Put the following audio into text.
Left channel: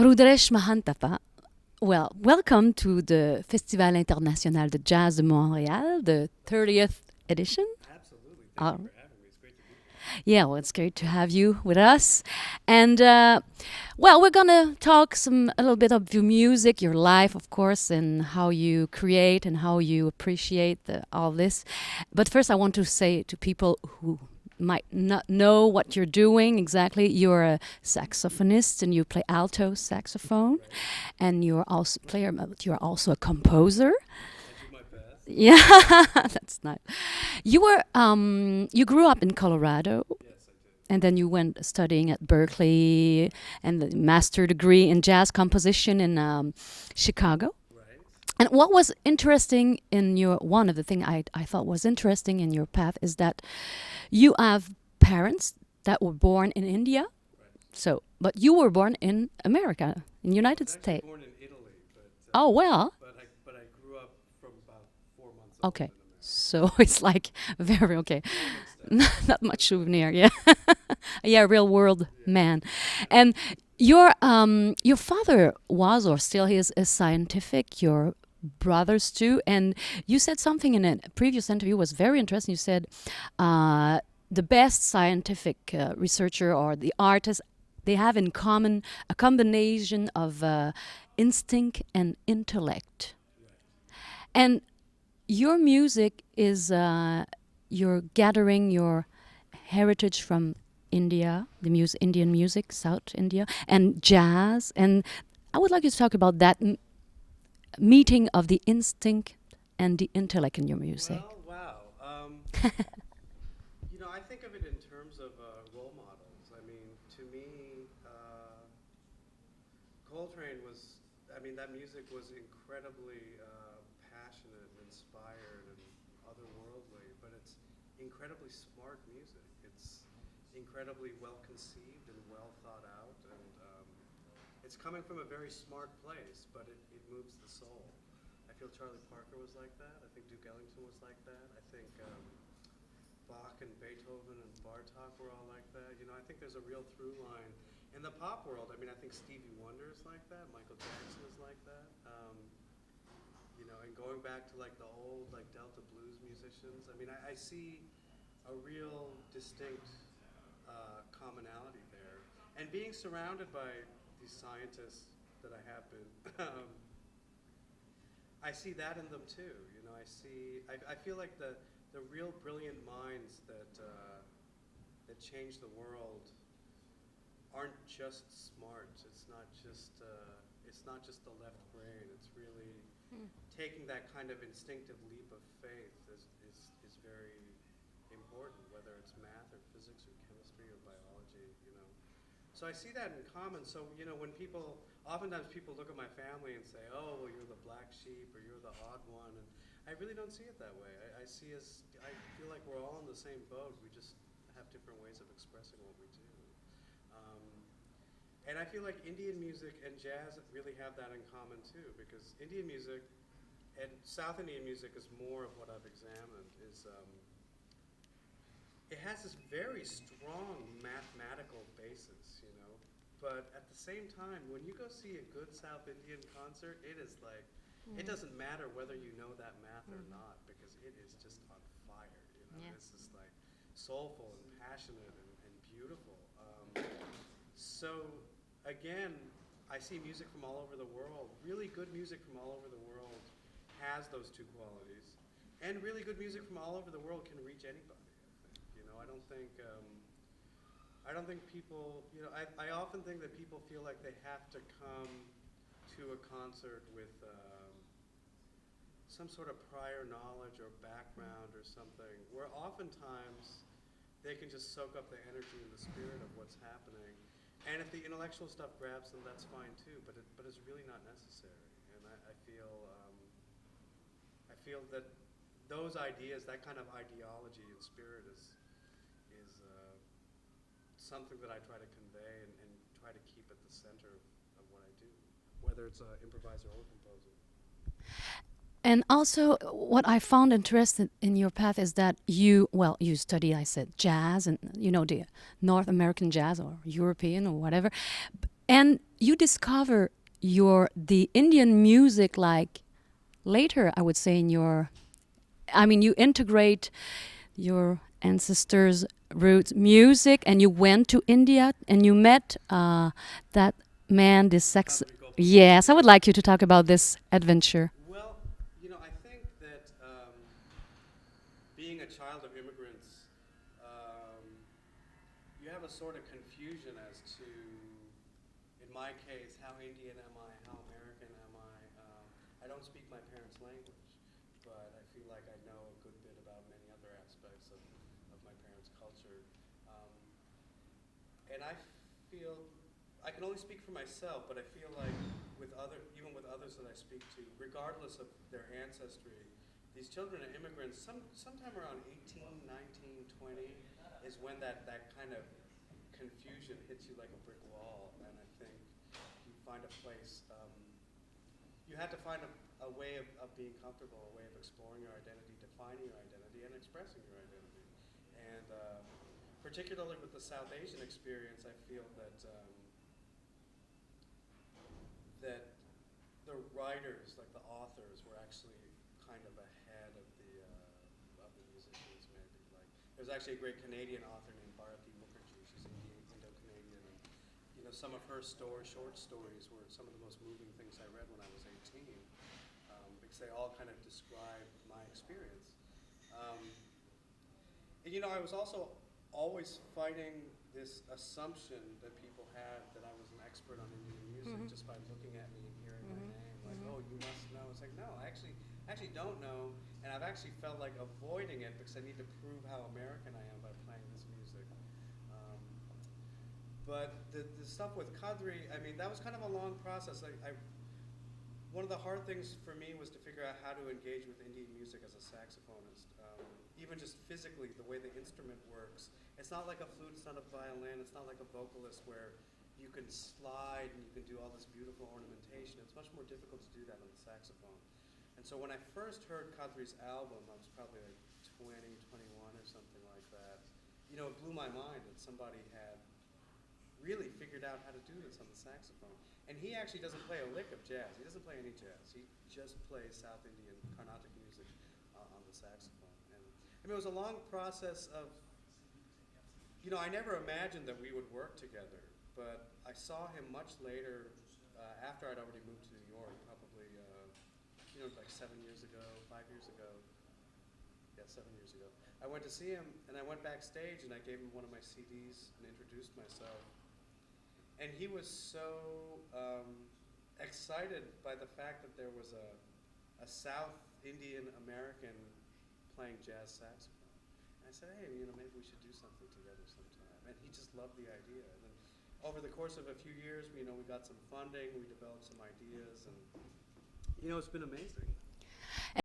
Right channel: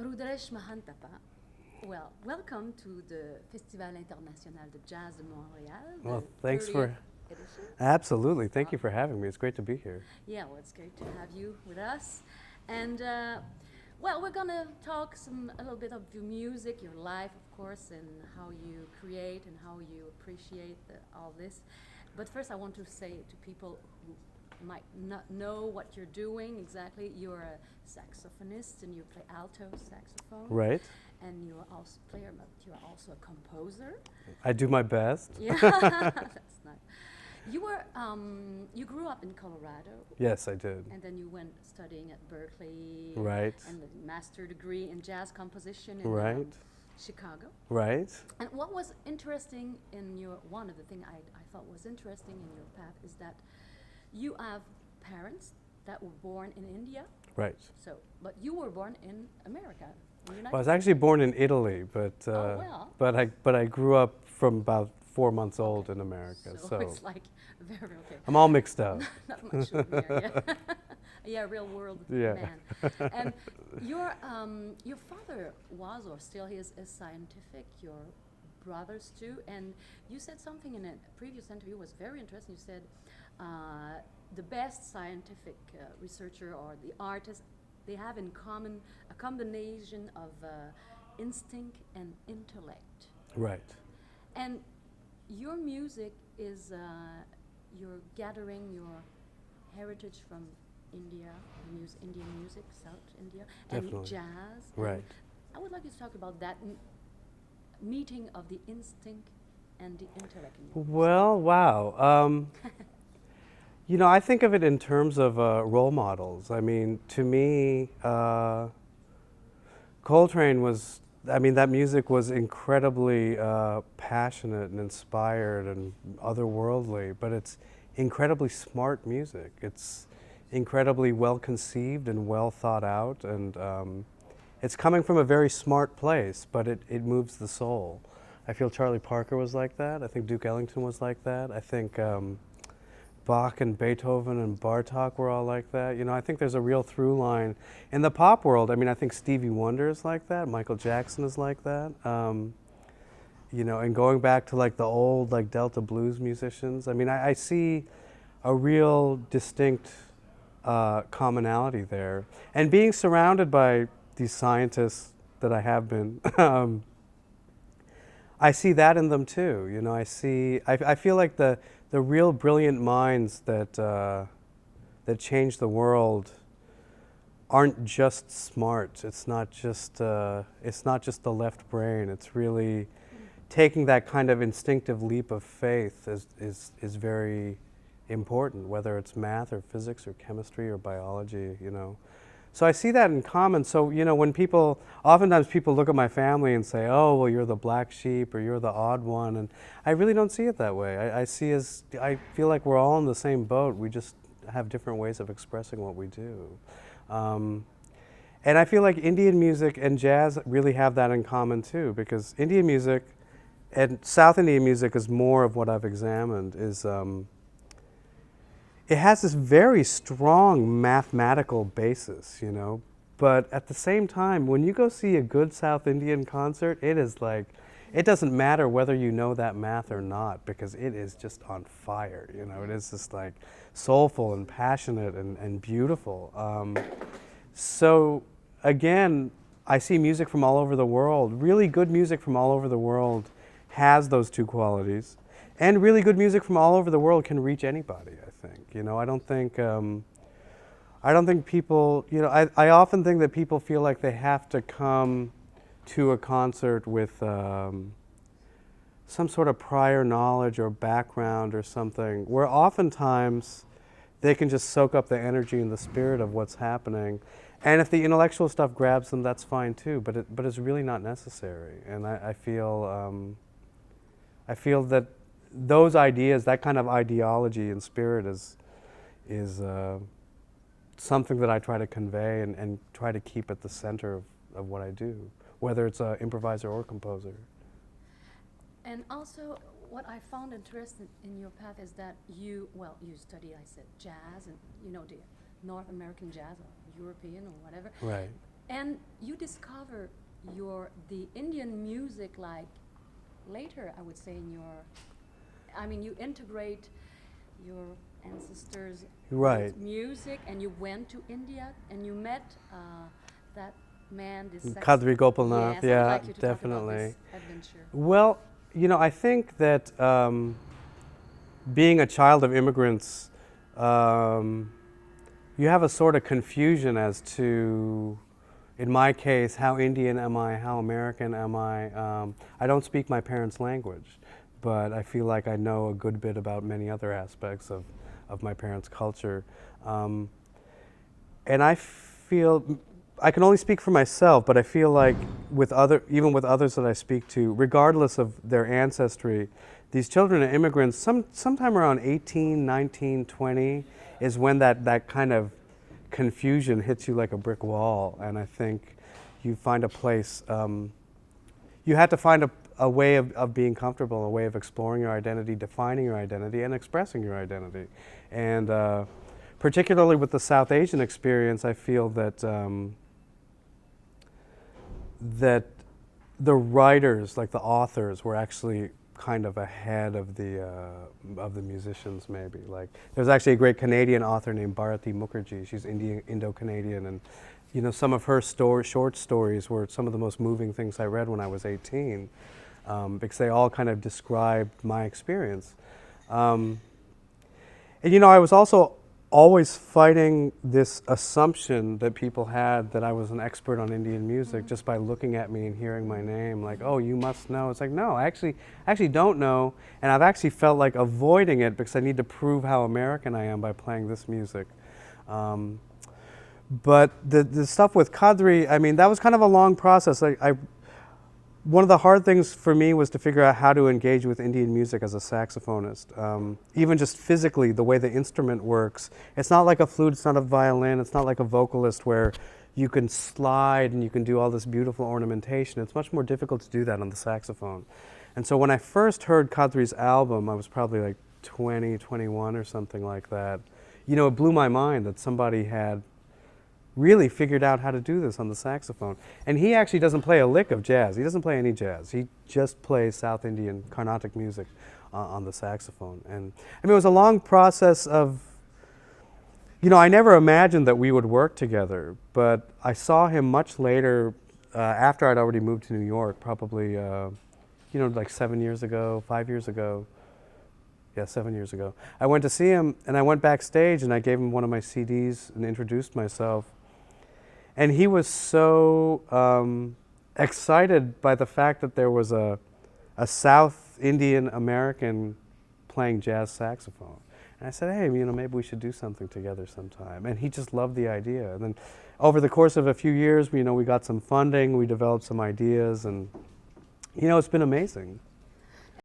Rudresh Mahanthappa, well, welcome to the Festival International de Jazz de Montréal, the 30th edition. Absolutely. Thank you for having me. It's great to be here. Yeah, well, it's great to have you with us. And, well, we're going to talk a little bit of your music, your life, of course, and how you create and how you appreciate all this. But first, I want to say to people who might not know what you're doing exactly, you're a saxophonist and you play alto saxophone. Right. And you're also you're also a composer. I do my best. Yeah, that's nice. You were you grew up in Colorado. Yes, I did. And then you went studying at Berkeley. Right. And the master degree in jazz composition in Chicago. Right. And what was interesting in one of the things I thought was interesting in your path is that you have parents that were born in India. Right. So, but you were born in America, in United States. I was actually born in Italy, but oh well. But I grew up from about 4 months old in America. So it's like very okay. I'm all mixed up. Not much souvenir, yeah. Yeah, real world man. And your father was or still is a scientific. Your brothers too, and you said something in a previous interview was very interesting. You said the best scientific researcher or the artist, they have in common a combination of instinct and intellect. Right. And your music is you're gathering your heritage from India, the Indian music, South India, and jazz. And I would like you to talk about that meeting of the instinct and the intellect in your music. Well, wow. You know, I think of it in terms of role models. I mean, to me, Coltrane was, I mean, that music was incredibly passionate and inspired and otherworldly, but it's incredibly smart music. It's incredibly well conceived and well thought out, and it's coming from a very smart place, but it moves the soul. I feel Charlie Parker was like that. I think Duke Ellington was like that. I think Bach and Beethoven and Bartók were all like that. You know, I think there's a real through line. In the pop world, I mean, I think Stevie Wonder is like that. Michael Jackson is like that. You know, and going back to like the old like Delta blues musicians, I mean, I see a real distinct commonality there. And being surrounded by these scientists that I have been, I see that in them too. You know, I feel like the real brilliant minds that that change the world aren't just smart. It's not just the left brain. It's really taking that kind of instinctive leap of faith is very important, whether it's math or physics or chemistry or biology, you know. So I see that in common. So, you know, when oftentimes people look at my family and say, oh, well, you're the black sheep or you're the odd one. And I really don't see it that way. I feel like we're all in the same boat. We just have different ways of expressing what we do. And I feel like Indian music and jazz really have that in common too, because Indian music and South Indian music is more of what I've examined is it has this very strong mathematical basis, you know, but at the same time, when you go see a good South Indian concert, it is like, it doesn't matter whether you know that math or not, because it is just on fire, you know, it is just like soulful and passionate and beautiful. So again, I see music from all over the world. Really good music from all over the world has those two qualities. And really good music from all over the world can reach anybody, I think. You know, I don't think people, you know, I often think that people feel like they have to come to a concert with some sort of prior knowledge or background or something, where oftentimes they can just soak up the energy and the spirit of what's happening. And if the intellectual stuff grabs them, that's fine too, but it's really not necessary. And I feel that those ideas, that kind of ideology and spirit is something that I try to convey and try to keep at the center of what I do, whether it's an improviser or composer. And also, what I found interesting in your path is that you study, I said, jazz and, you know, the North American jazz or European or whatever. Right. And you discover the Indian music like later, I would say, in your, I mean, you integrate your ancestors' roots music, and you went to India and you met that man, this Kadri Gopalnath. Yes, I would like you to definitely talk about this adventure. Well, you know, I think that being a child of immigrants, you have a sort of confusion as to, in my case, how Indian am I, how American am I? I don't speak my parents' language, but I feel like I know a good bit about many other aspects of my parents' culture. And I feel, I can only speak for myself, but I feel like even with others that I speak to, regardless of their ancestry, these children of immigrants, sometime around 18, 19, 20, is when that kind of confusion hits you like a brick wall. And I think you find a place, you had to find a way of being comfortable, a way of exploring your identity, defining your identity, and expressing your identity. And particularly with the South Asian experience, I feel that that the writers, like the authors, were actually kind of ahead of the musicians, maybe. Like, there's actually a great Canadian author named Bharati Mukherjee. She's Indo-Canadian, and you know, some of her short stories were some of the most moving things I read when I was 18, because they all kind of described my experience. And you know, I was also always fighting this assumption that people had that I was an expert on Indian music just by looking at me and hearing my name, like, oh, you must know. It's like, no, I actually don't know, and I've actually felt like avoiding it because I need to prove how American I am by playing this music. But the stuff with Kadri, I mean, that was kind of a long process. One of the hard things for me was to figure out how to engage with Indian music as a saxophonist. Even just physically, the way the instrument works. It's not like a flute, it's not a violin, it's not like a vocalist where you can slide and you can do all this beautiful ornamentation. It's much more difficult to do that on the saxophone. And so when I first heard Kadri's album, I was probably like 20, 21 or something like that. You know, it blew my mind that somebody had really figured out how to do this on the saxophone. And he actually doesn't play a lick of jazz. He doesn't play any jazz. He just plays South Indian Carnatic music on the saxophone. And I mean, it was a long process of, you know, I never imagined that we would work together, but I saw him much later, after I'd already moved to New York, probably, you know, like 7 years ago, 5 years ago. Yeah, 7 years ago. I went to see him, and I went backstage, and I gave him one of my CDs and introduced myself. And he was so excited by the fact that there was a South Indian American playing jazz saxophone. And I said, hey, you know, maybe we should do something together sometime. And he just loved the idea. And then over the course of a few years, you know, we got some funding, we developed some ideas, and, you know, it's been amazing.